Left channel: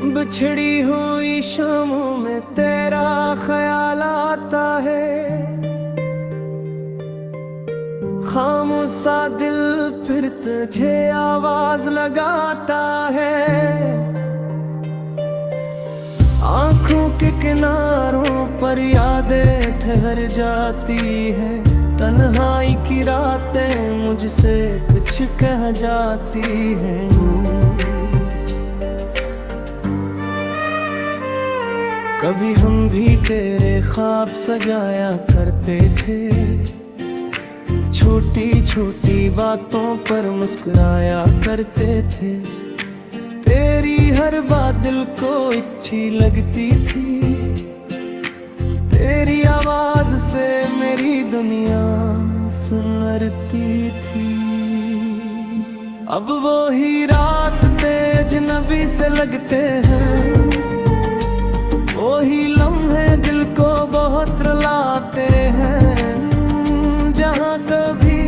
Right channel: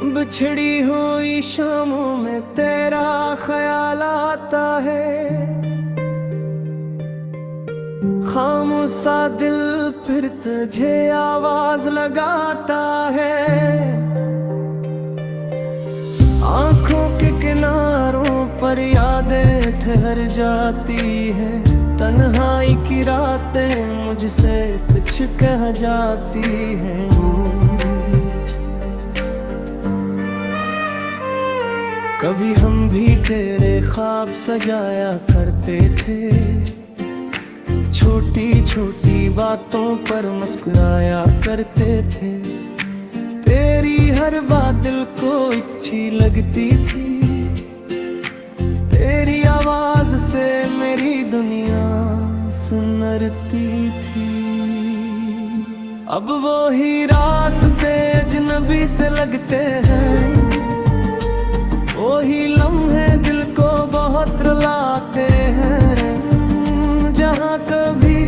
बिछड़ी हुई शामों में तेरा ख्याल आता है, खामोशा दिल फिर तुझे आवाज लगाता है। आंखों के किनारों पर यादें ठहर जाती है, तन्हाई की रातें मुझसे कुछ कह जाती हैं। कभी हम भी तेरे ख्वाब सजाया करते थे, छोटी छोटी बातों पर मुस्कुराया करते थे। तेरी हर बात दिल को अच्छी लगती थी, तेरी आवाज से मेरी दुनिया सुनरती थी। अब वो ही रास्ते अजनबी से लगते हैं, वो ही लम्हे दिल को बहुत रुलाते हैं। जहाँ कभी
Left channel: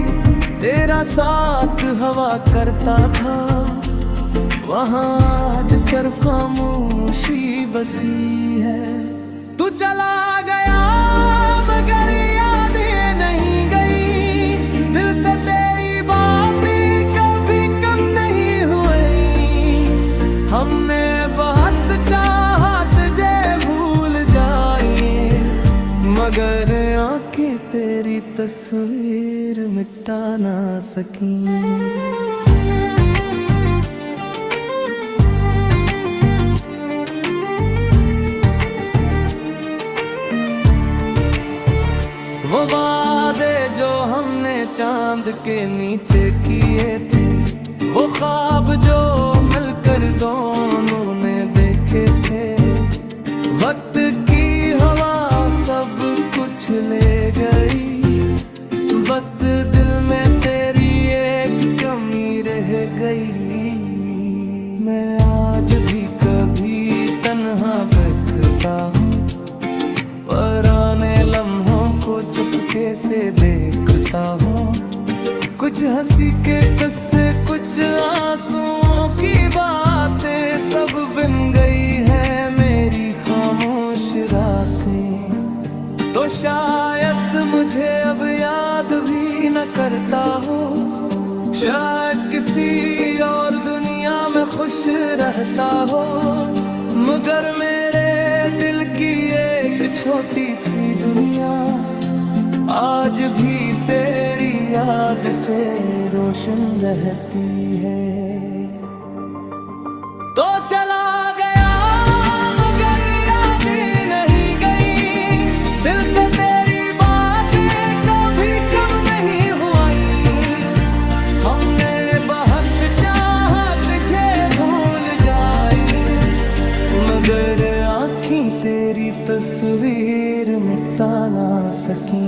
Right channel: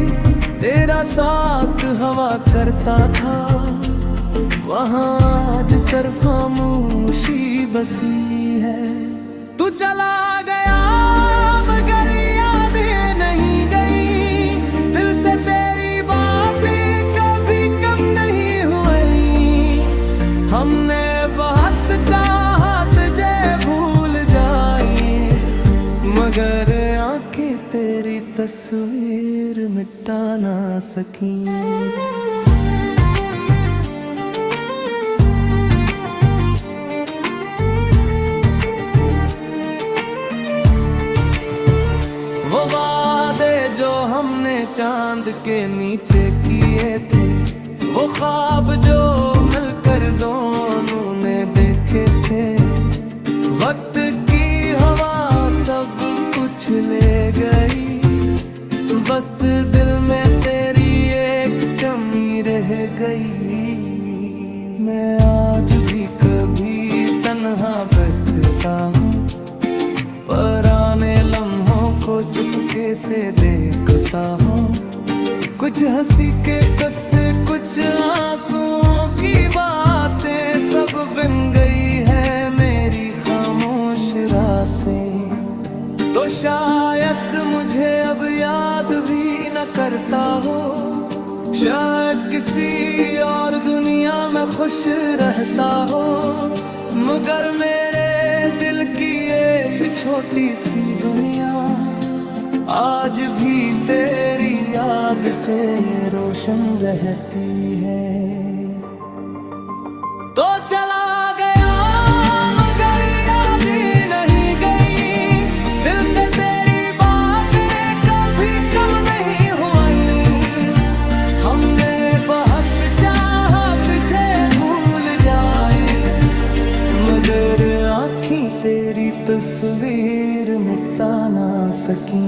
तेरा साथ हवा करता था, वहाँ आज सिर्फ खामोशी बसी है। तू चला गया मगर यादें नहीं गई, दिल से तेरी बातें कभी कम नहीं हुई। हमने बहुत चाहा तुझे भूल जाए, मगर आंखें तेरी तस्वीर मिटा ना सकी। वो वादे जो हमने चांद के नीचे किए थे, वो ख्वाब जो मिलकर दोनों ने देखे थे। वक्त की हवा सब कुछ ले गई, बस दिल में तेरी एक कमी रह गई। मैं आज भी कभी तन्हा बैठता हूँ, पुराने लम्हों को चुपके से देखता हूँ। कुछ हंसी के किस्से, कुछ आंसुओं की बातें, सब बिन गई है मेरी खामोश रातें। तो शायद मुझे अब याद भी न करता हो, शायद किसी और दुनिया में खुश रहता हो, मगर मेरे दिल की एक छोटी सी दुनिया आज भी तेरी याद से रोशन रहती है। तो चला गया मगर यादें नहीं गई, दिल से तेरी बातें कभी कम नहीं हुई। हमने बहुत चाहा तुझे भूल जाए, मगर आँखें तेरी तस्वीर मिटा ना सकी।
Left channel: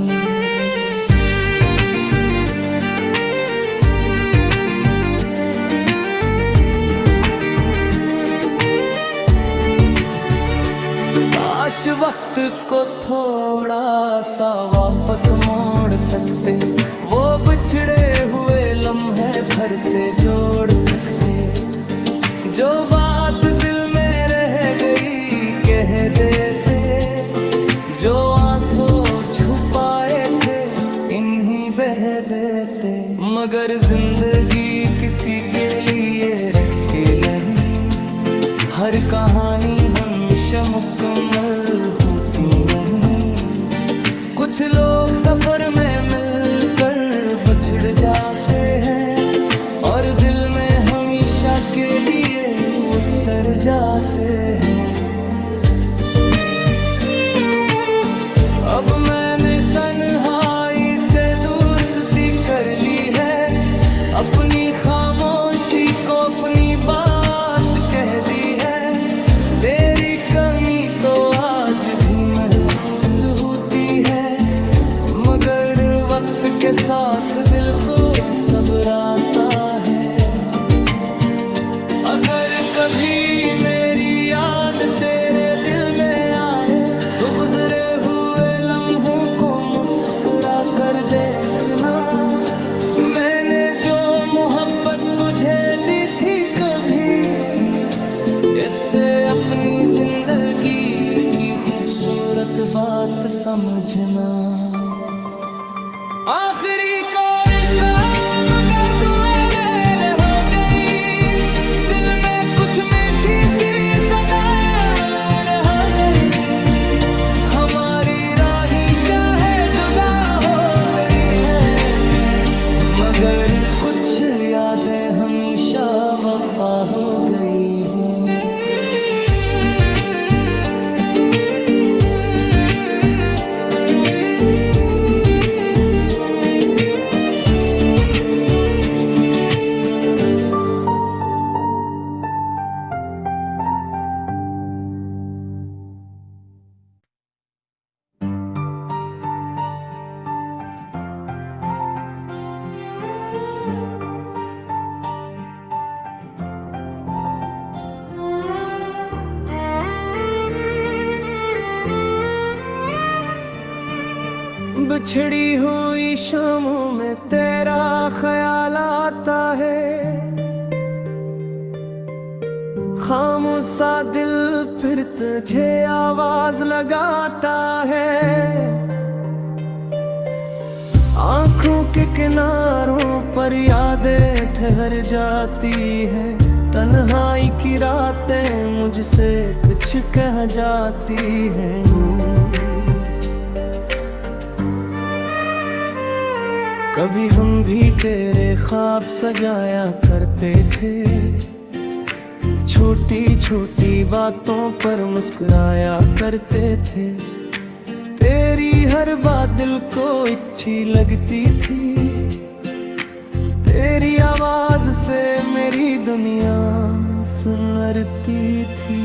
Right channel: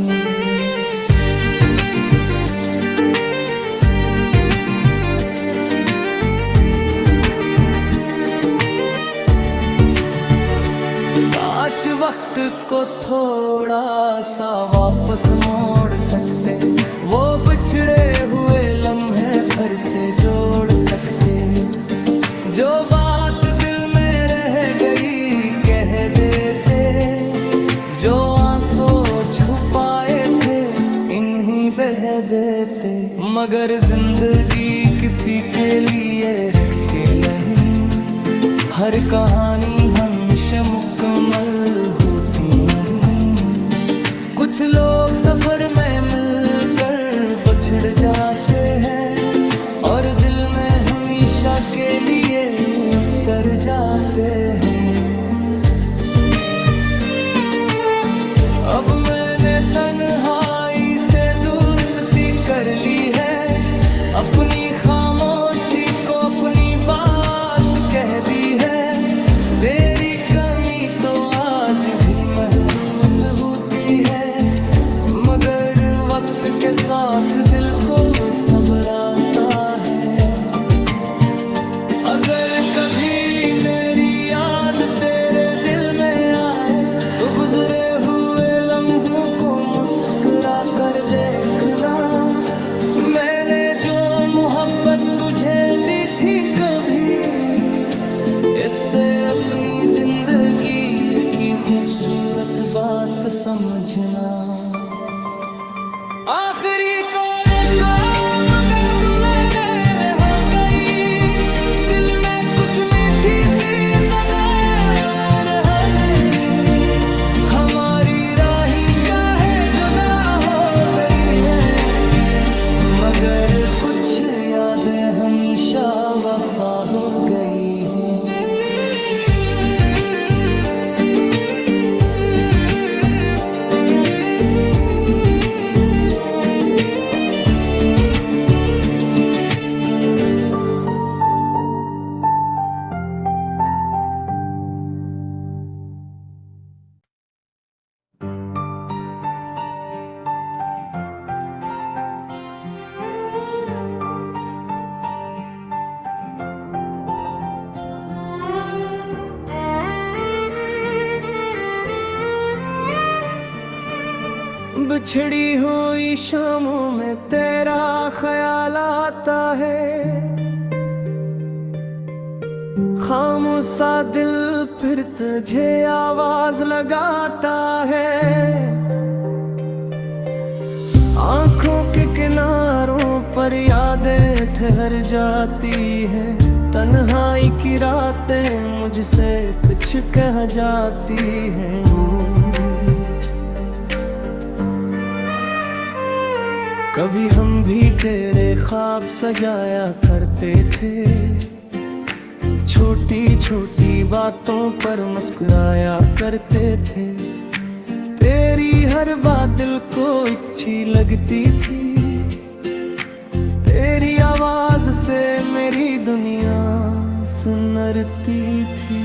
काश वक्त को थोड़ा सा वापस मोड़ सकते, वो बिछड़े हुए लम्हे फिर से जोड़ सकते। जो बात दिल में रह गई कह देते, जो आंसू छुपाए थे इन्हीं बह देते। मगर जिंदगी किसी के लिए रखते नहीं, हर कहानी हमेशा मुकम्मल होती नहीं। कुछ लोग सफर में मिलकर बिछड़ जाते हैं, और दिल में हमेशा के लिए उतर जाते हैं। अब मैंने तन्हाई से दोस्ती कर ली है, अपनी खामोशी को अपनी बात कह दी है। तेरी कमी तो आज भी महसूस होती है, मगर वक्त के साथ दिल को सब्र आता है। अगर कभी मेरी याद तेरे दिल में आए, तो गुजरे हुए लम्हों को मुस्कुरा कर देखना। मैंने जो मोहब्बत तुझे दी थी कभी इससे अपनी जिंदगी की खूबसूरत बात समझना। आखिरी कोरस मगर दुआ मेरे हो गई, दिल में कुछ मीठी सी सदाएं हो गई। हमारी राहें चाहे जुदा हो गई है, मगर कुछ यादें हमेशा वफा हो गई हैं। बिछड़ी हुई शामों में तेरा ख्याल आता है, खामोशा दिल फिर तुझे आवाज लगाता है। आंखों के किनारों पर यादें ठहर जाती है, तन्हाई की रातें मुझसे कुछ कह जाती हैं। कभी हम भी तेरे ख्वाब सजाया करते थे, छोटी छोटी बातों पर मुस्कुराया करते थे। तेरी हर बात दिल को अच्छी लगती थी, तेरी आवाज से मेरी दुनिया सुनरती थी।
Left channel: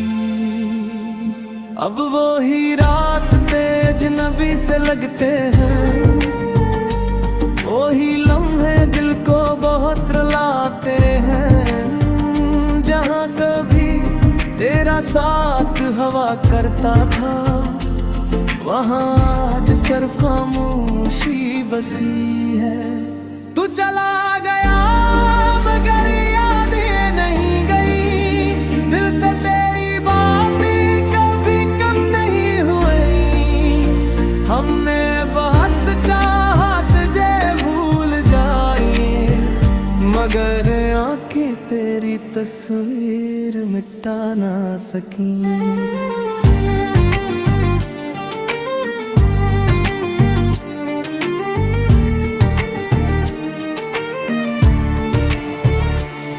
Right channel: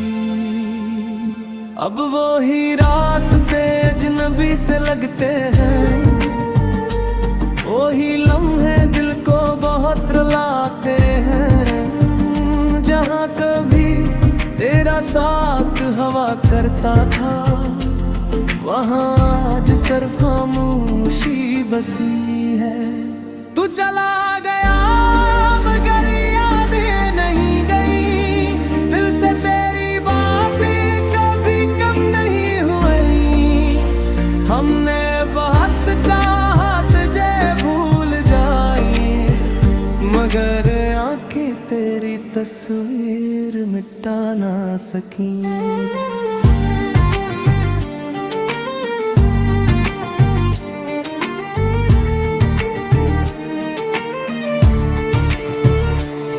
अब वो ही रास्ते अजनबी से लगते हैं, वही लम्हे दिल को बहुत रुलाते हैं। जहाँ कभी तेरा साथ हवा करता था, वहाँ आज सिर्फ खामोशी बसी है। तू चला गया मगर यादें नहीं गई, दिल से तेरी बातें कभी कम नहीं हुई। हमने बहुत चाहा तुझे भूल जाए, मगर आंखें तेरी तस्वीर मिटा ना सकी।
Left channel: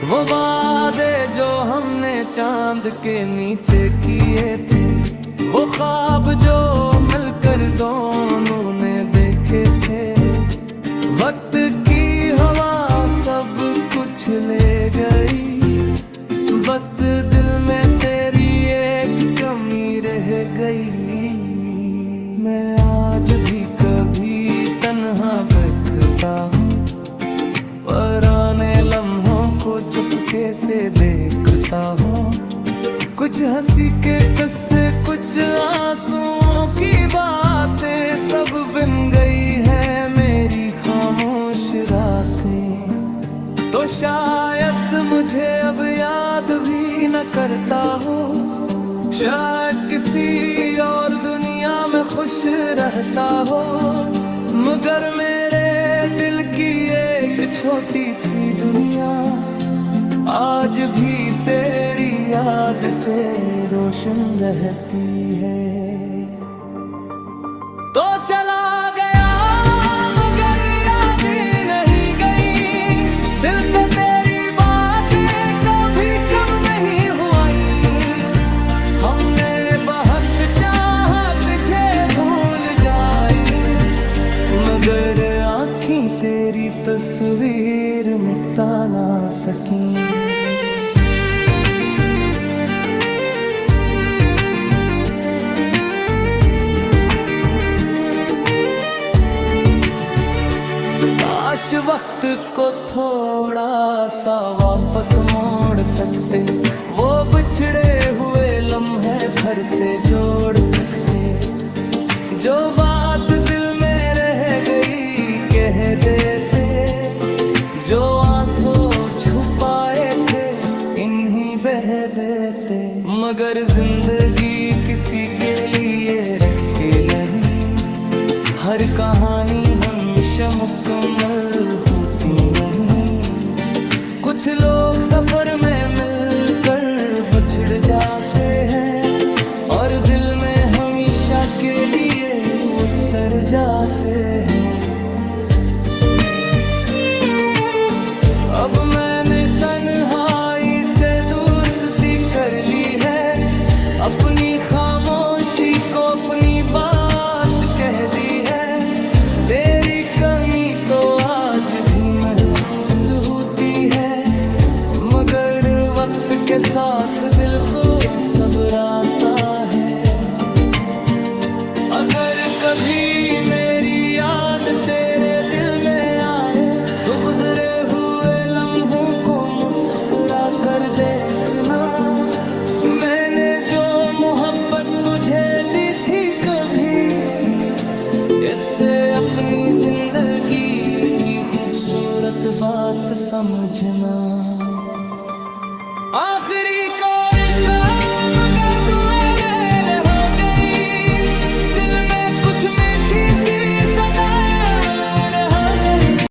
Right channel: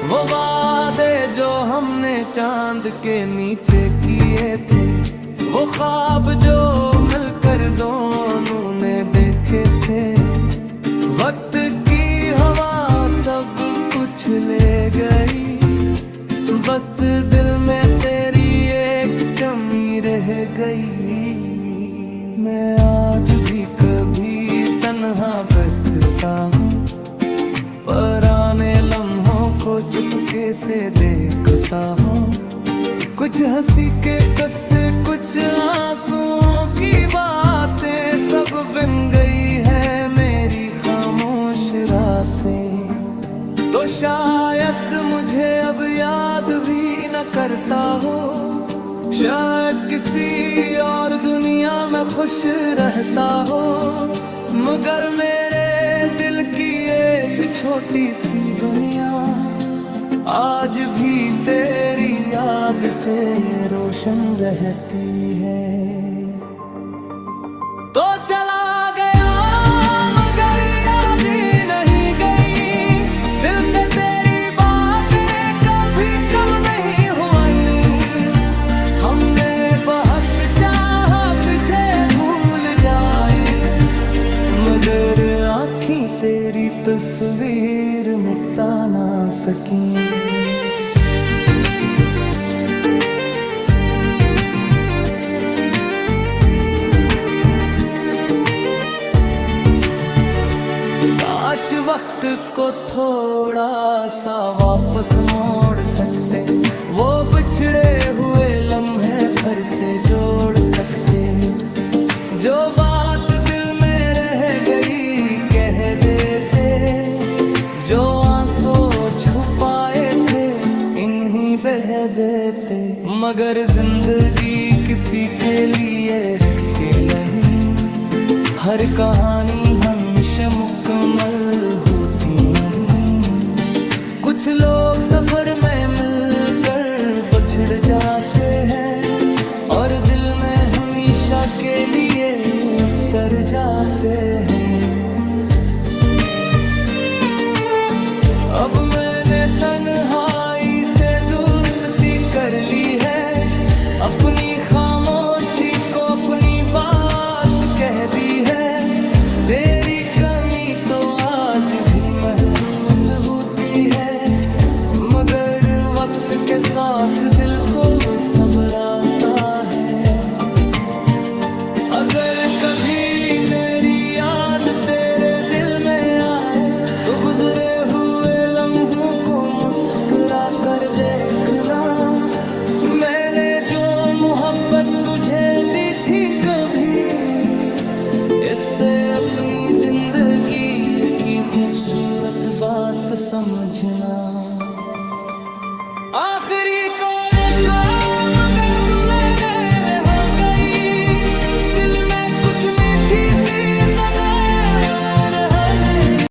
वो वादे जो हमने चांद के नीचे किए थे, वो ख्वाब जो मिलकर दोनों ने देखे थे। वक्त की हवा सब कुछ ले गई, बस दिल में तेरी एक कमी रह गई। मैं आज भी कभी तन्हा बैठता हूँ, पुराने लम्हों को चुपके से देखता हूँ। कुछ हंसी के किस्से, कुछ आंसुओं की बातें, सब बिन गई है मेरी खामोश रातें। तो शायद मुझे अब याद भी न करता हो, शायद किसी और दुनिया में खुश रहता हो, मगर मेरे दिल की एक छोटी सी दुनिया आज भी तेरी याद से रोशन रहती है। तो चला गया मगर यादें नहीं गई, दिल से तेरी बातें कभी कम नहीं हुई। हमने बहुत चाहा तुझे भूल जाए, मगर आँखें तेरी तस्वीर मिटा ना सकी। काश वक्त को थोड़ा सा वापस मोड़ सकते, वो बिछड़े हुए लम्हे फिर से जोड़ सकते। जो बात दिल में रह गई कह देते, जो आंसू छुपाए थे इन्हीं यूं ही बह देते। मगर जिंदगी किसी के लिए रखते नहीं, हर कहानी हमेशा मुकम्मल होती नहीं। कुछ लोग सफर में मिलकर बिछड़ जाते हैं और दिल में हमेशा के लिए उतर जाते हैं। अब मैंने तन्हाई से दोस्ती कर ली है, अपनी खामोशी को अपनी बात कह दी है। तेरी कमी तो आज भी महसूस होती है, मगर वक्त के साथ दिल को सब्र आता है। अगर कभी मेरी याद तेरे दिल में आए तो गुजरे हुए लम्हों को मुस्कुरा कर देखना। मैंने जो मोहब्बत तुझे दी थी कभी, इससे अपनी जिंदगी की खूबसूरत बात समझना। आखिरी